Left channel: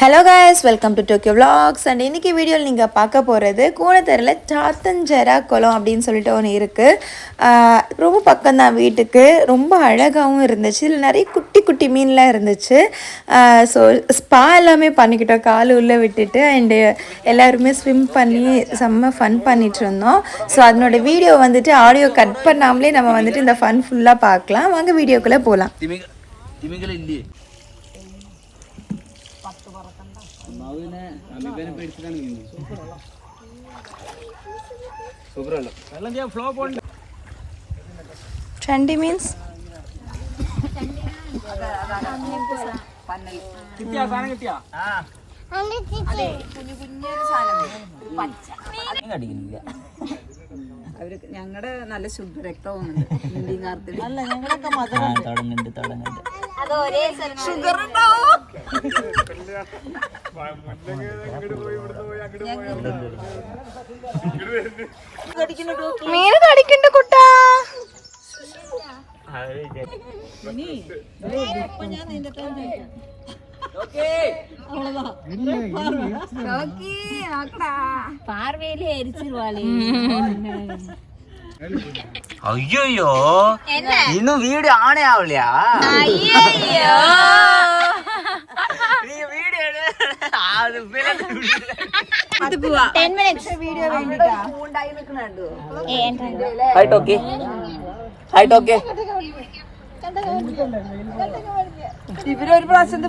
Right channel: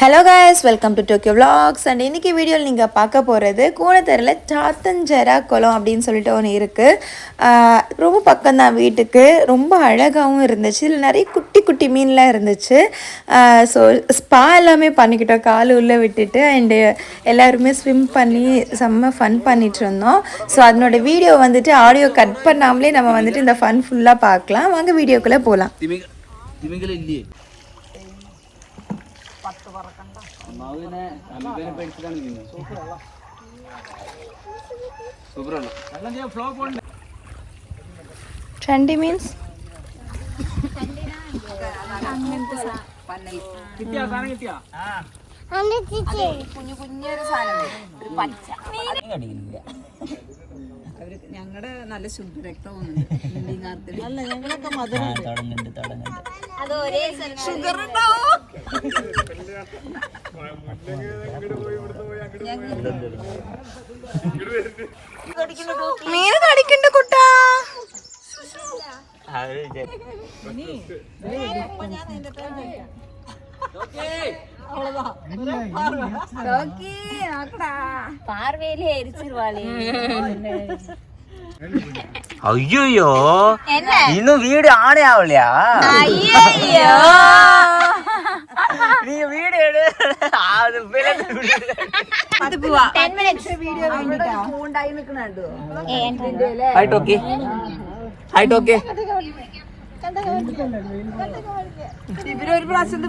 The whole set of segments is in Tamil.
Hello guys, welcome to Tokyo vlogs. And இன்றைக்கி வீடியோவில் நீங்கள் பார்க்க போகிறது கூனத்தரில் சாத்தஞ்செரா குளம் அப்படின்னு சொல்லிட்டு ஒன்று இருக்குது. ரொம்ப பக்கம்தான் வீட்டுக்கு. ரொம்ப அழகாகவும் இருந்துச்சு. இதில் நிறைய குட்டி குட்டி மீன்லாம் இருந்துச்சு. ஸோ ஸ்பா எல்லாமே பண்ணிக்கிட்டோம் கால் உள்ளே விட்டுட்டு. அண்டு எல்லாருமே ஸ்விம் பண்ணி செம்ம ஃபன் பண்ணிகிட்டு இருந்தோம். ஸோ அதனோட வீடியோ வந்துட்டு ஆடியோ கட் பண்ணாமலே நம்ம வந்துட்டு இந்த ஃபன் ஃபுல்லாக பார்க்கலாம். வாங்க வீடியோக்குள்ளே போகலாம். ചണ്ടി മീൻസ് ഞങ്ങളുടെ നല്ല ശുദ്ധരക്തവും അല്ല ഞങ്ങളൊക്കെ മീൻ കടിക്കണ്ട കുട്ടാ. பார்வையிலே எரிச்சிருவாளே. ஐயோ இன்னும் வீடு ஆனே ஆகலையா? நீங்க வீடு வீடியோ வேண்டிட்டா ഇവരൊരു പ്രാവശ്യം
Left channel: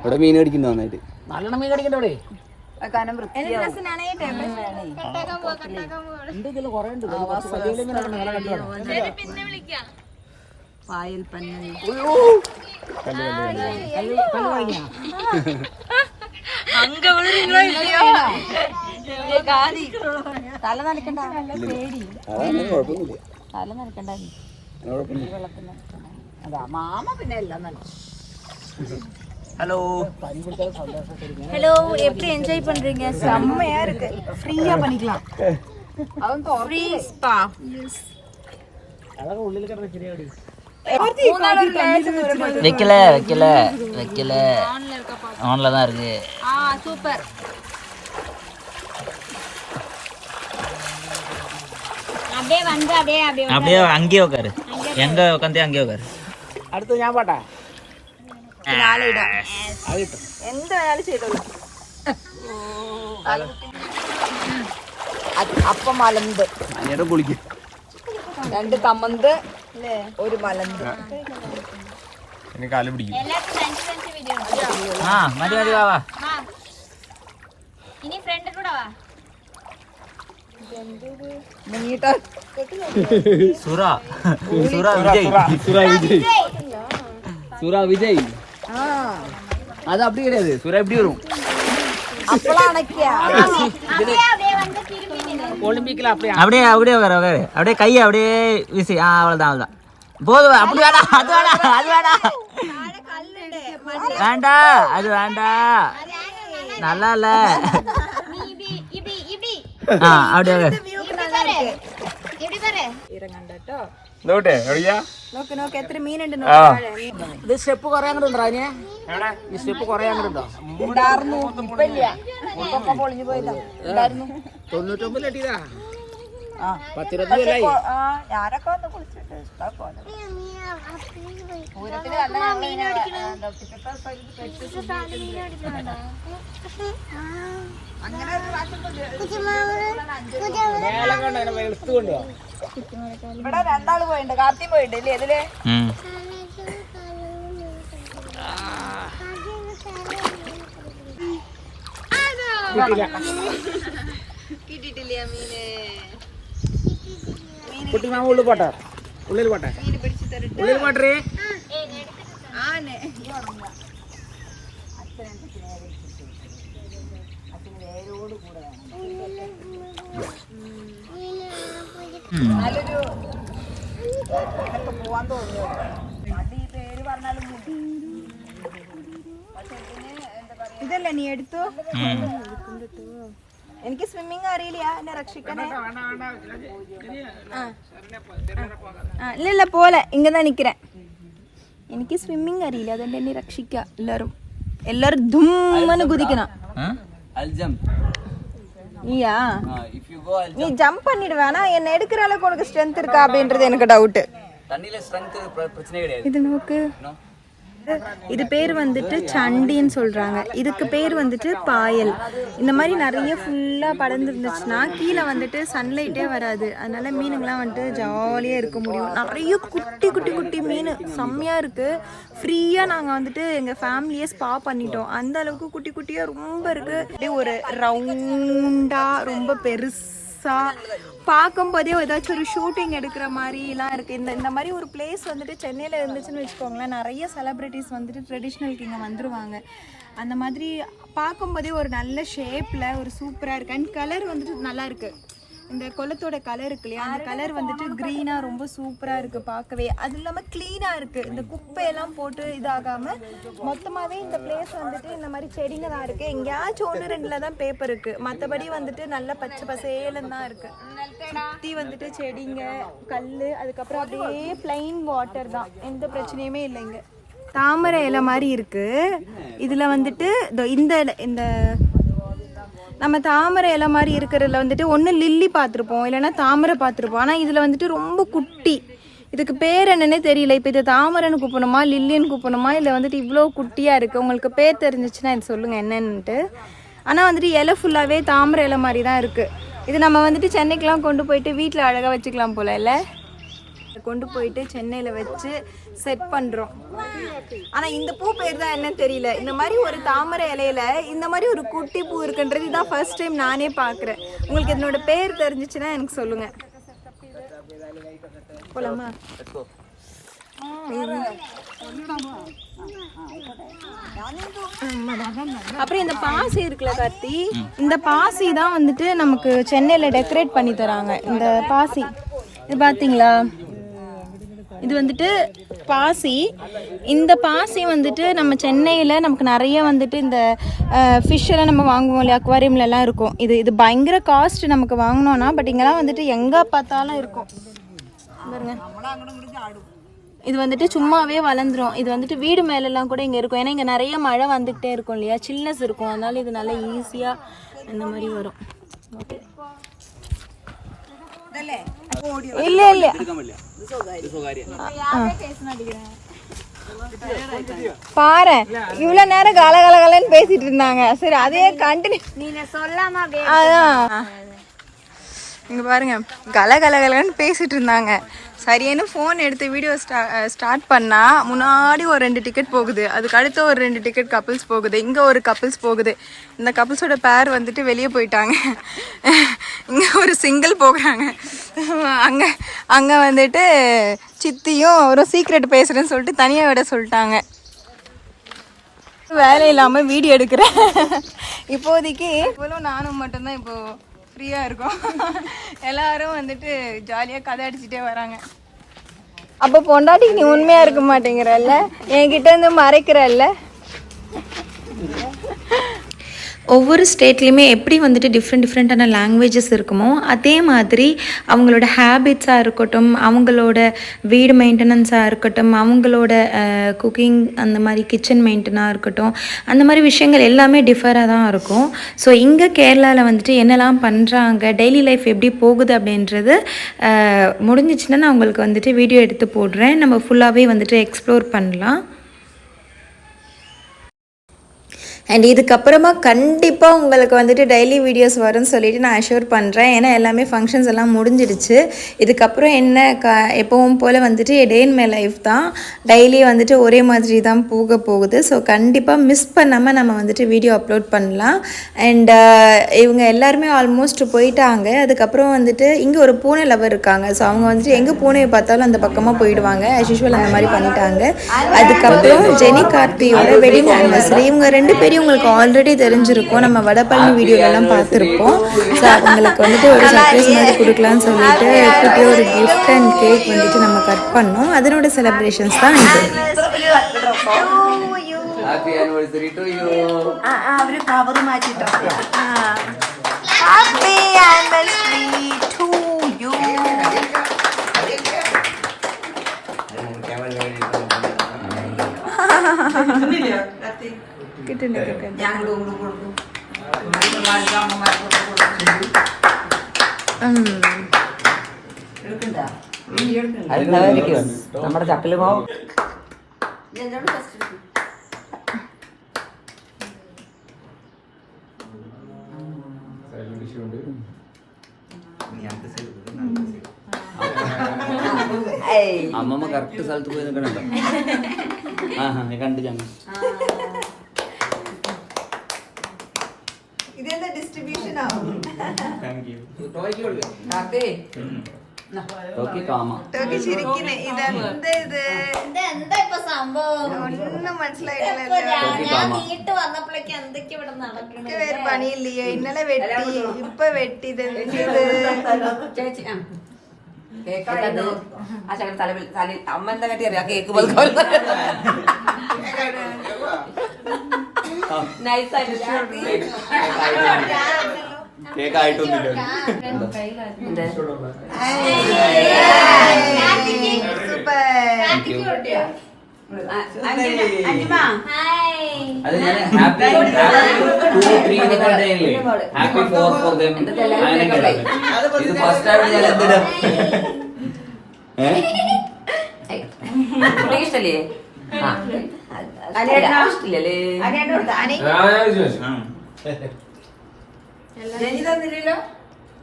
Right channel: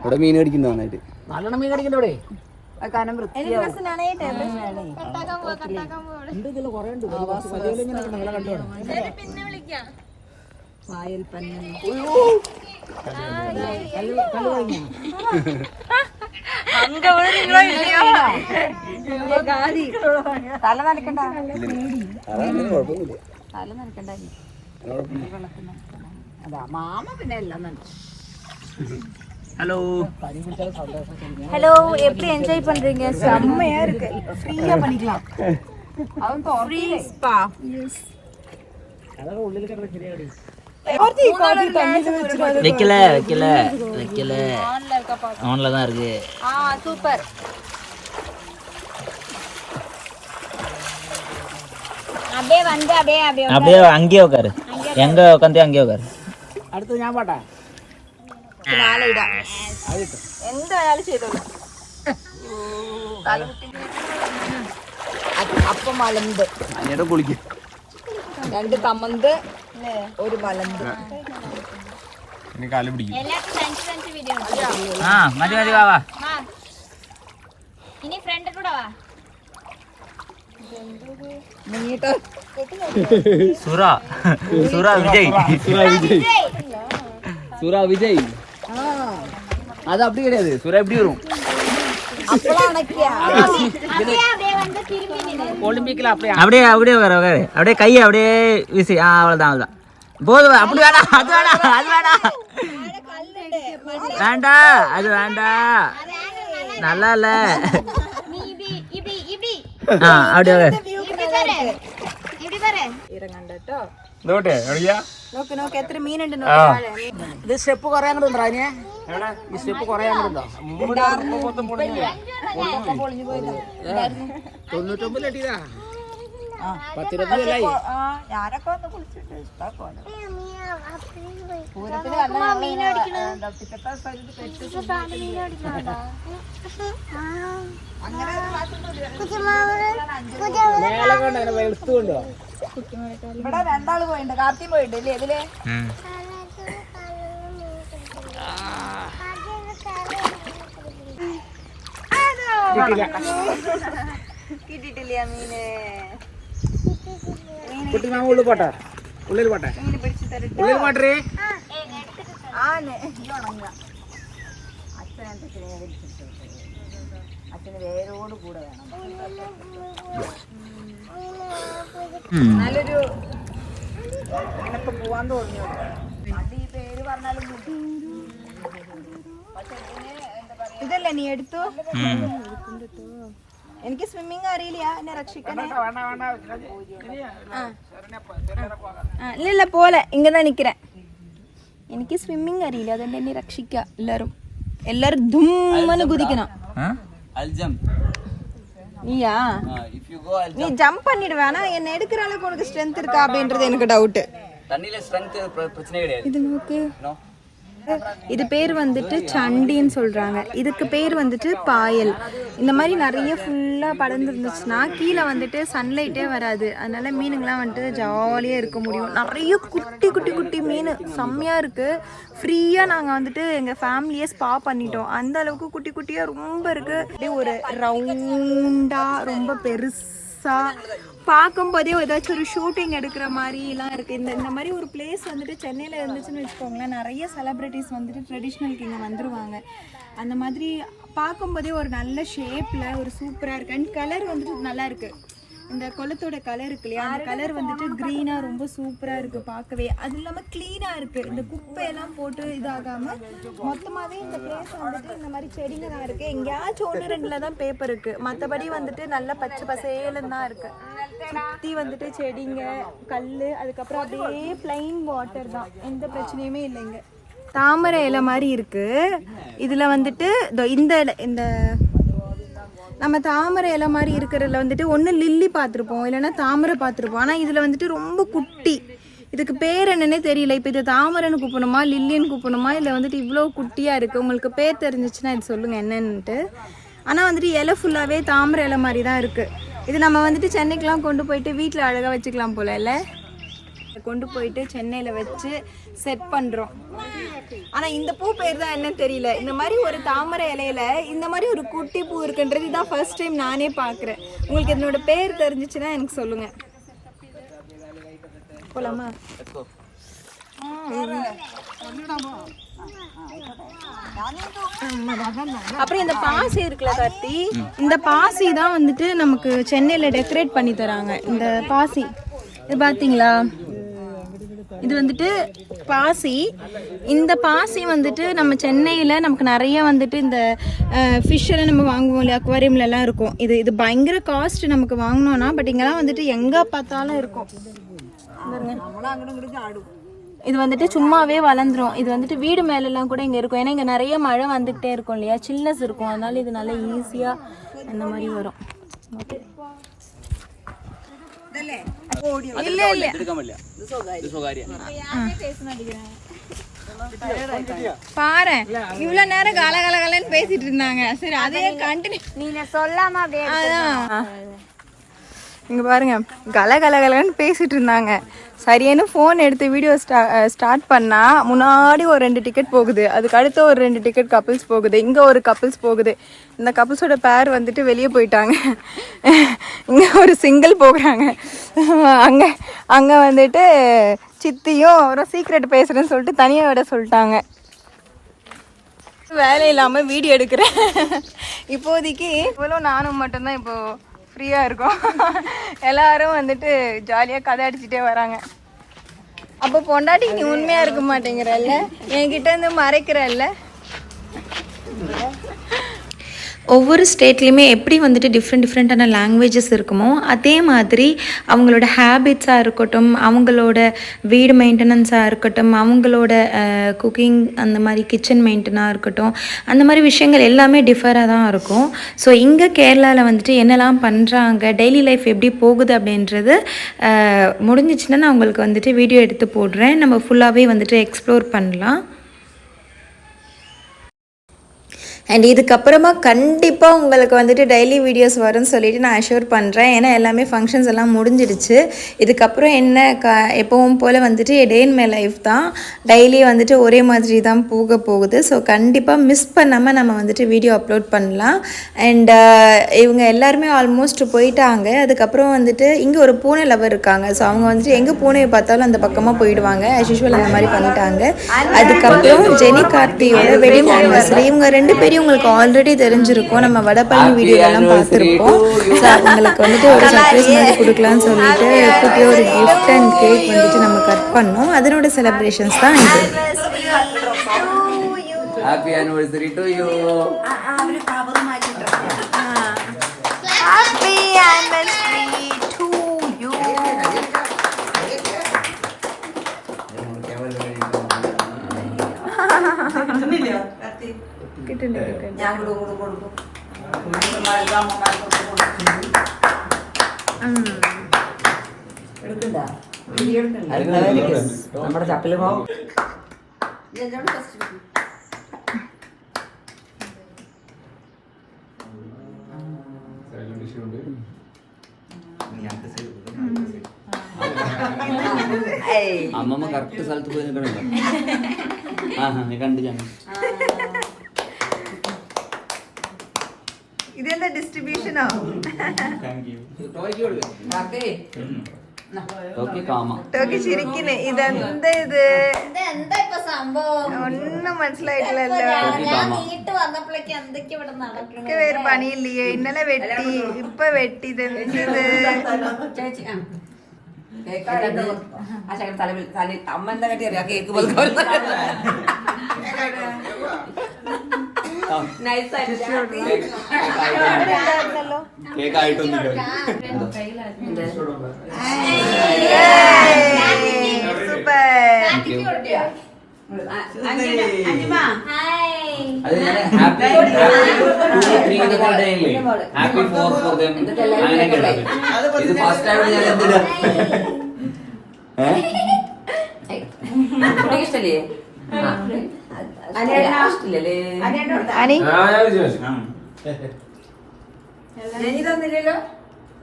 ഇവിടെ മീൻ കടിക്കുന്നു നന്നായിട്ട്. നല്ലോണം മീൻ കടിക്കണ്ടേ? പായൽ പന്നൽ തല നനക്കണ്ട, തല നനക്കണ്ട. മാമ പിന്നെ എല്ലാം നനച്ചു. ஹலோ ஹலோ, எப்படி என்ஜாய் பண்றீங்க? செம்மையா இருக்கு. ஃப்ரீயா பண்ணிக்கலாம். Free spa. எஸ். അതൊക്കെ ഉള്ളിൽ കിടന്ന് ശരിയാടി. வைக்கல ஆன்ல தான் இருக்கு. சூப்பர். அப்படியே அங்கேயே உட்காரு. எங்க உட்காந்து அங்கேயே உட்காரு. അടുത്ത് ഞാൻ പാട്ടാ എന്തായാലും ചെയ്തോളൂ. അപ്പം മലന്ത്, കുളിക്കും. 2 കമന്ത്, 1 മലന്ത്. കാല് പിടിക്കും. മതി മതി വാ. ഇനി ഫ്രണ്ട് കൂടെ വാ. മുങ്ങിട്ടോ സുര விஜய். அது அப்படி கிடையாது. சுரா எப்படி வரும்? ஒலிம்பிக்ல அப்படியே அப்படியே அப்படியே வர அப்படியே கையை அப்படியே வீசி. அவ்வளோதான். போதும். அப்படி வேணாம், அது வேணாம். வேண்டாம், அது வேண்டாம். நல்லா இல்ல. அப்படியே ഇറങ്ങണ്ടോ. നോക്ക് നോക്ക് എത്ര മീനുണ്ട്. ഇത് സ്റ്റെപ്പ് കുറെ അങ്ങോട്ടുണ്ടോ? ഈ സ്റ്റെപ്പ് കുറെ അങ്ങോട്ടുണ്ടോ? 99 എട്ടിയതാ. 10-20 കൊല്ലായി. ഞാനൊക്കെ വന്ന് കുളിച്ചിട്ട് ഇഷ്ടം പോലെ. പൂരത്തിന് ഇവിടെ 2 ആള് പോയിട്ടുണ്ട്. കാർത്തി പോയിട്ടുണ്ട് അല്ലേ? ഇതില് കിട്ടിട്ടില്ല മീന്. കുട്ടി മാമ ഉള്ളിൽ പോട്ടെ, ഉള്ളിൽ പോട്ടെ, ഉള്ളിൽ പോട്ടേ. അച്ഛന് വേരോട് കൂടെ വേണം. നല്ലൊരു പോവാന്ന് തോന്നിയോ? അത് ഈ പേര് പറഞ്ഞാലും ഇതല്ലേ നീ എടുത്തു. എനിക്ക് സ്വിമ്മിങ് അറിയില്ല, എന്നെ രക്ഷിക്കണേ. இல்ல போல இங்கதான் நிக்கிறேன். എനിക്ക് സ്വിമ്മിങ് അറിയില്ല, അതുകൊണ്ട് എന്നെ രക്ഷിക്കുക എല്ലാരും ധുമ്മന് കുതിക്കണം. நீயா நீ ஜம்ப் பண்ணிடுவே, ஆனா என்ன எடுக்கிற அளவுக்கு உனக்கு ஸ்ட்ரென்த் இருக்கா அப்படின்றது எனக்கு டவுட். தண்ணில ஸ்ட்ரெngth பிரச்சனை கிடையாது. இது நோக்கு. இது பேர் வந்துட்டு சண்டின்னு சொல்றாங்க. இதுக்கு பேர் வந்துட்டு பாயல். இந்த மாதிரி நிறைய ஃபுல்லா படர்ந்து இருந்துச்சுன்னா கீழே வந்துட்டு சன்லைட்டே வராது, அதனால மீனுங்கெல்லாம் வந்துட்டு ஜாலியா இருக்க முடியும். நிறைய குட்டி குட்டி குட்டி மீன் செம்மையா இருக்கு. ஃப்ரீயா நாங்க வந்துட்டு எங்க ஃபேமிலியே ஸ்பா பண்ணிட்டோம், அந்த அளவுக்கு குட்டி குட்டியா ரொம்ப இருக்கு. அப்படியே ஒரு ரவுண்டா ரொம்ப பெருசா பார்க்கும்போதே ஏதாச்சும் ஒரு ஷூட்டிங் எடுக்கிற மாதிரிலாம் இருக்குது. இந்த மாதிரி ஒரு பிளேஸ் வந்துட்டு சென்னையில் இருந்துச்சுன்னு வச்சுக்கோங்களேன், நிறைய செலிப்ரிட்டிஸ் வந்துட்டு ட்ரெடிஷ்னலுக்கு இங்கே வந்துடுவாங்க. அந்த மாதிரி பார்க்கும்போதே ஒரு நல்ல ஷேப்பில் ஒரு சூப்பராக இருக்குது. அண்ட் கலர் வந்துட்டு நல்லா இருக்குது. இந்த குளத்தோட கலர் இருக்கு இல்லையா, அந்த கலர் வந்துட்டு க்ரீனாக ரொம்ப சூப்பராக இருக்குது பார்க்கவே. அது இல்லாமல் க்ளீனாக இருக்குது, இந்த குப்பையெல்லாம் போட்டு இதாகாமல் மொத்தமாகவே இந்த பிளேஸ் வந்துட்டு இந்த மாதிரி செடிங்க தான் இருக்குது. எங்கேயாச்சும் 1-2 தான் பேப்பர் இருக்குது, மற்றபடி வந்துட்டு நல்ல பச்சை பசேலுன்னு தான் இருக்குது. சுற்றி வந்துட்டு செடிங்க, கல், அதுக்கப்புறம் அப்படியே பிளைன் வாட்டர் தான், எந்த பிரச்சனையுமே இல்லைங்க. தாமரை இலை மாதிரி இருக்குது. இதில் வந்துட்டு இந்த நம்ம தாமரை இலை மாதிரி இருக்கிறதுல வந்துட்டு ஒன்று லில்லி பார்த்துருப்போம், இல்லைன்னா தாமரை பார்த்துருப்போம். ஆனால் இதில் வந்துட்டு ரொம்ப குட்டி, இதுக்கு பேர் என்னன்னே தெரியல. இப்போ இது தாமரைன்னு கூப்பிடணுமா லில்லின்னு கூப்பிடணுமா, இல்லை வந்துட்டு இவ்வளோ குட்டியாக இருக்குது. உங்களுக்கு பேர் தெரிஞ்சிச்சுன்னா இது சொல்லுங்கள் என்னன்னுட்டு. ஆனால் வந்துட்டு இலை ஃபுல்லாகவே தாமரை இலை மாதிரி தான் இருக்குது. இது நம்ம வந்துட்டு சென்னைக்கெலாம் கொண்டு போயிட்டு வீட்டில் அழகாக வச்சுக்கலாம் போல் இல்லை, கொண்டு போயிட்டு சென்னையில் வச்சு செட் பண்ணுறோம். ஆனால் இந்த பூ பேர் தான் என்னன்னு தெரியல. இந்த மாதிரி ஒரு தாமரை இலையில இந்த மாதிரி ஒரு குட்டி பூ இருக்குன்றது இதான் ஃபர்ஸ்ட் டைம் நானே பார்க்குறேன். உங்களுக்கு இதனோட பேர் தெரிஞ்சிச்சுன்னா எனக்கு சொல்லுங்கள். போலாமா? அப்புறம் இந்த பாசி இருக்குல்ல கார்த்தி, இந்த பாசி தான் வந்துட்டு நமக்கு சென்னையில் டெக்கரேட் பண்ணி தராங்க. இந்த பாசி இது பார்த்தீங்களா, இது வந்துட்டு பாசி. இந்த பாசி வந்துட்டு நம்ம சென்னையில் நமக்கு நிறைய வந்துட்டு இந்த ஃபிஷ் எல்லாம் நம்ம வாங்குவோம் இல்லையா, அக்வாரியம்லலாம் இருக்கும். இது பயங்கர காஸ்ட் நமக்கு வாங்கினோன்னா, பட் இங்கெல்லாம் வந்துட்டு எங்கே பார்த்தாலும் இருக்கும் பாருங்க. இது வந்துட்டு சும்மாவே வளர்ந்துரும். இது வந்துட்டு வீடு மேலெல்லாம் கூட இங்கே இருக்கும், ஏன்னா இங்கே நிறைய மழை வந்துக்கிட்டே இருக்கும் இல்லையா, சில்னஸ் இருக்கும், அதனால இது நல்லா ஈஸியாக அந்த மாதிரி வரும். ஓகே இல்ல இல்ல பாரு, இவ்வளவு நேரம் கலகலன்னு பேசிட்டு இருந்தாங்க. சரி அதே கண்டினியூ நீங்க சொல்லாம. அதான் இங்க பாருங்க, கலகலன்னு பேசிட்டு இருந்தாங்க. சரியான ஃபோன் எடுத்து வீடியோ ஸ்டார்ட் பண்ணால் முன்னாடி ஒரு 2 டிக்கெட் போகுது, அதுக்கு அடுத்த ஒரு 2 டிக்கெட் கப்புள்ஸ் போகுது, இங்கே ஒரு கப்புள்ஸ் போகுது. இந்த கப்புள்ஸோட பேர் வந்துட்டு வெளியே போயிட்டாங்க, இங்கே ஒரு சிங்கிள் போகிறாங்க. அங்கே வந்துட்டு சித்தியும் ஒரு சீக்ரெட் பேசுகிறேன்னு சொல்லிட்டு தனியாக விட சொல்லிட்டாங்க. வேலை இல்லாமல் வீடியோ எடுக்கிறேன் இப்போதைக்கு. இவ்வளோ நானும் மட்டும்தான் இப்போது ஃப்ரீயாக இருக்கும். எல்லாரும் வந்துட்டு ஜாலியாக கதை அடிச்சுட்டே வராங்க. அப்போ பொண்டாட்டி நீ உண்மையாக இருக்க மாட்டேங்கிறல்ல, என்கிட்ட இருந்து மறைக்கிறல்ல. ஒவ்வொரு ஸ்டேட்லேயுமே எப்படி வந்துட்டு டிஃப்ரெண்ட்டான லாங்குவேஜஸ் இருக்குமோ அதே மாதிரி அவங்களோட ஹேபிட்ஸாக இருக்கட்டும், அவங்களோட வீடு மெயின்டெனன்ஸாக இருக்கட்டும், அவங்களோட குக்கிங் அந்த மாதிரி கிச்சன் மெயின்டெனாக இருக்கட்டும், அந்த மாதிரி விஷயங்கள் எல்லாமே டிஃபராக தான் இருக்கும். ஸோ இங்கே கேரளாவில் வந்துட்டு என்னெல்லாம் பண்ணுறாங்க, டெய்லி லைஃப் எப்படி போகுது அப்படின்றது முடிஞ்சிச்சுன்னா நான் உங்களுக்கு வந்துட்டு வீடியோ எடுத்து போடுறேன். நம்ம ஃபுல்லாகவே வந்துட்டு எக்ஸ்ப்ளோர் பண்ணலாம். அண்ட் இதுக்கப்புறமா கண்டிப்பாக உங்களுக்கு வந்துட்டு டெய்லி வீடியோஸ் வரும்னு சொல்லிட்டு நான் அஷ்யூர் பண்ணுறேன். ஏன்னா எல்லாமே ஃபங்க்ஷன்ஸ் எல்லாம் முடிஞ்சிடுச்சு. இதுக்கப்புறம் என்ன எப்பவும் போல் வந்துட்டு டே இன் மை லைஃப் தான், டெய்லி வந்துட்டு ஒரே மாதிரி தான் போகுது. ஸோ கண்டிப்பாக மிஸ் பண்ணாமல் நம்ம வந்துட்டு வீடியோ அப்லோட் பண்ணலாம். அண்ட் இவங்க எல்லாருமே ஆல்மோஸ்ட் போயிட்டாங்க. அதுக்கப்புறம் வந்துட்டு இங்கே ஒரு பூனை லவர் இருக்காங்க. ஸோ அவங்க வந்துட்டு எங்கே பூனையை பார்த்தாலும் அந்த பக்கமாக போயிடுவாங்க. ஆஸ் யூஷுவல் அந்த மாதிரி பண்ணிட்டாங்க. அதுக்கப்புறம் ஜெனி கார்த்தியோட வெட்டிங் ஆனிவர்சரி. இவங்க 2 பேரும் உங்களுக்கு ஆல்ரெடி தெரிஞ்சிருக்கும், நம்ம வடபழனி வீடியோலலாம் பார்த்துருப்போம். ஸோ அவங்களுக்கு வந்துட்டு ஒரு சர்ப்ரைஸ் மாதிரி கொடுக்கலான்னு சொல்லிட்டு குட்டியே ஒரு கிஃப்ட் அண்ட் கேக் வந்துட்டு நம்ம கட் பண்ணோம். அதனோட செலிப்ரேஷன்ஸ் தான் இது. Happy anniversary to you. Happy anniversary to you. കിട്ടുന്നുണ്ട് കിട്ടുന്നുണ്ട് നമ്മുടെ ചപ്പല് പോവും. അമ്മമ്മ കറക്റ്റ് സ്ഥലത്ത് പോയി നിൽക്കണല്ലോ. കണ്ടു ഞങ്ങൾ. ഇതെന്താ ഡിസ്ട്രിബ്യൂഷനോ? ടോക്കി ചിരിക്കുന്നു. ഇതെന്താ ഇത്? എന്താ ഇപ്പൊ സംഭവം? ഒന്നും മനസ്സിലായിട്ടില്ലല്ലോ. ഞാൻ നീട്ട് വന്നപ്പോഴേക്ക് എന്തൊക്കെ ഇവിടെ നടക്കണം? വേറെ പണിയില്ലേ? ഇന്നലെ വെട്ടി, ഇപ്പൊ വെട്ടി. ഇത് അമ്മ എന്താ കട്ടി അറിയാം കേക്ക് പോലെ കേക്കായിട്ടൊന്നുമില്ല. അത് ഞാൻ ഹാപ്പി 2 3 ഹാപ്പി 4 ഫോർ ദം അങ്ങനെ കേട്ടത്. ഇത് ഫസ്റ്റ് ടൈം ഞാൻ എന്തിനാ ഇഷ്ടല്ലേ ജനി തന്നില്ലല്ലോ.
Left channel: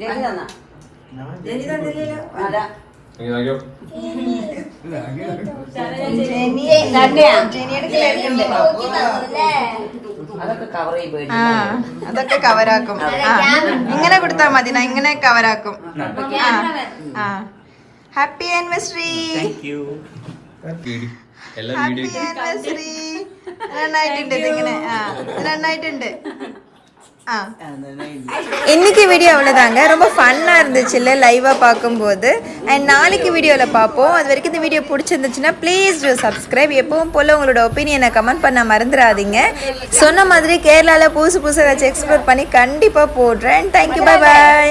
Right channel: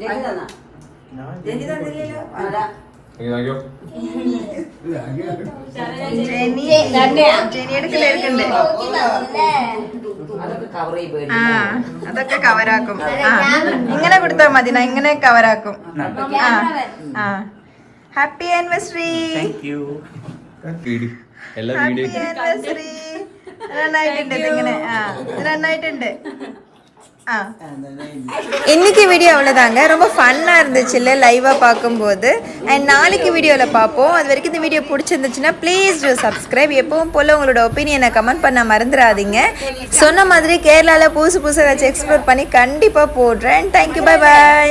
ജനി തന്നാ ജനി തന്നില്ലല്ലോ. അതാ അതൊക്കെ കവറാക്കും. ഇങ്ങനെ കൊടുത്താൽ മതി. ഇങ്ങനെ കവറാക്കും. Happy anniversary. Happy anniversary. നന്നായിട്ടുണ്ട്. ഇതിങ്ങനെ നന്നായിട്ടുണ്ട്. இன்னைக்கு வீடியோ அவ்வளோதாங்க. ரொம்ப ஃபன்னாக இருந்துச்சு இல்லை லைவாக பார்க்கும்போது. அண்ட் நாளைக்கு வீடியோவில் பார்ப்போம். அது வரைக்கும் இந்த வீடியோ பிடிச்சிருந்துச்சுன்னா ப்ளீஸ் டூ சப்ஸ்கிரைப். எப்பவும் போல் உங்களோட ஒப்பீனியனை கமெண்ட் பண்ண மறந்துடாதீங்க. சொன்ன மாதிரி கேரளாவில் புதுசு புதுசாக ஏதாச்சும் எக்ஸ்ப்ளோர் பண்ணி கண்டிப்பாக போடுறேன். Thank you, bye bye.